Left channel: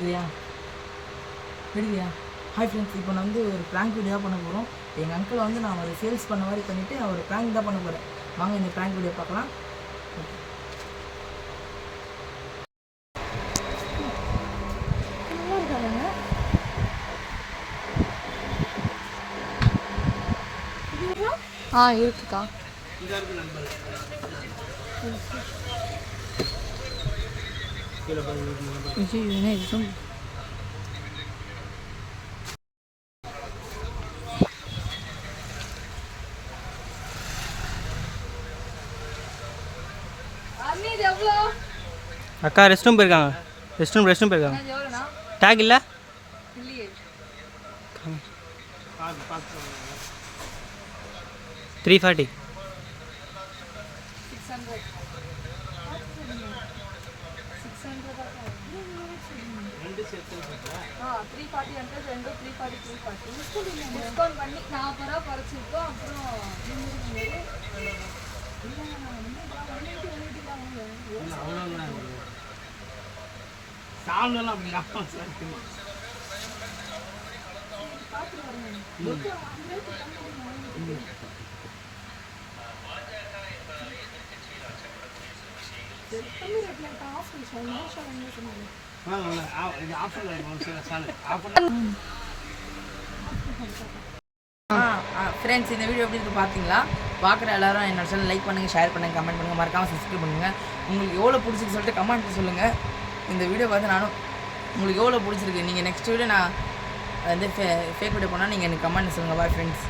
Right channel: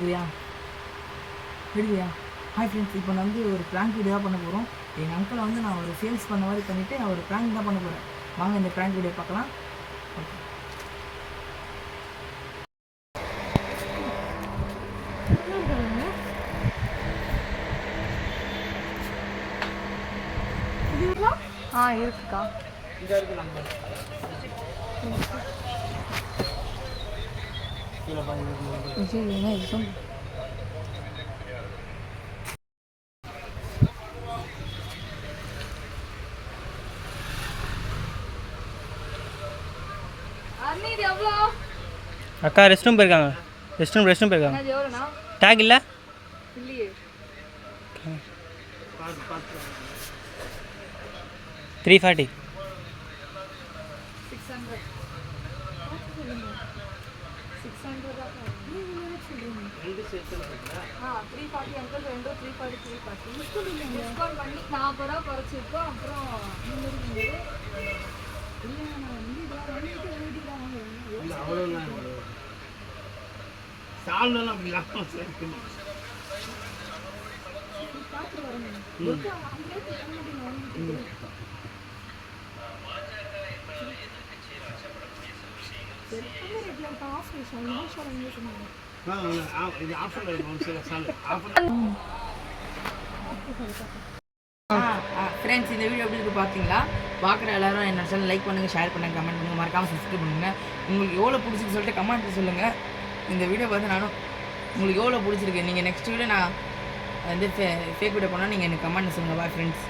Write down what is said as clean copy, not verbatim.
இல்லையா இல்லையா hi friends, இப்போ நான் வந்து ஒரு ப்ராங்க் வீடியோ பண்ண போகிறோம். எங்கள் அங்கிளை வந்து நான் ஒரு சேல்ஸ் பண்ண மாதிரி பண்ணிவிட்டு நான் ஒரு ப்ராங்க் தான் பண்ண போகிறேன். வாங்க இந்த ப்ராங்க் வீடியோ பார்க்கலாம். இருக்குக்கா. அக்கா ரெஸ்ட் ரூம் போயிருக்காங்க. ரெஸ்ட் ரூம் போயிருக்காங்க. டேக் இல்லை. 340. டிஸ்கவுண்ட் பண்ணி 40 ரூபா குறைச்சிருக்கோம். அப்புறம் ஃப்ரெண்ட்ஸ், இந்த வீடியோ எப்படி இருக்குது பார்த்தீங்களா? பார்க்குற எல்லாரும் என்னோட சேனல் லைக் பண்ணுங்கள், ஷேர் பண்ணுங்கள், கமெண்ட் பண்ணுங்கள், மறக்காமல் சப்ஸ்கிரைப் பண்ணுங்கள். உங்களுக்கு எவ்வளோ பிடிச்சிருக்கு சொல்லிட்டு கமெண்ட் சொல்லுங்கள். இந்த வீடியோ பார்த்து நானும் உங்களுக்கு எவ்வளோ பிடிச்சிருக்கு. நீங்கள் நெக்ஸ்ட் வீடியோ நான் வந்து ஃபேக் வீடியோ பண்ணால் நீங்கள் எனக்கு கமெண்ட் சொல்லுங்கள். Bye friends.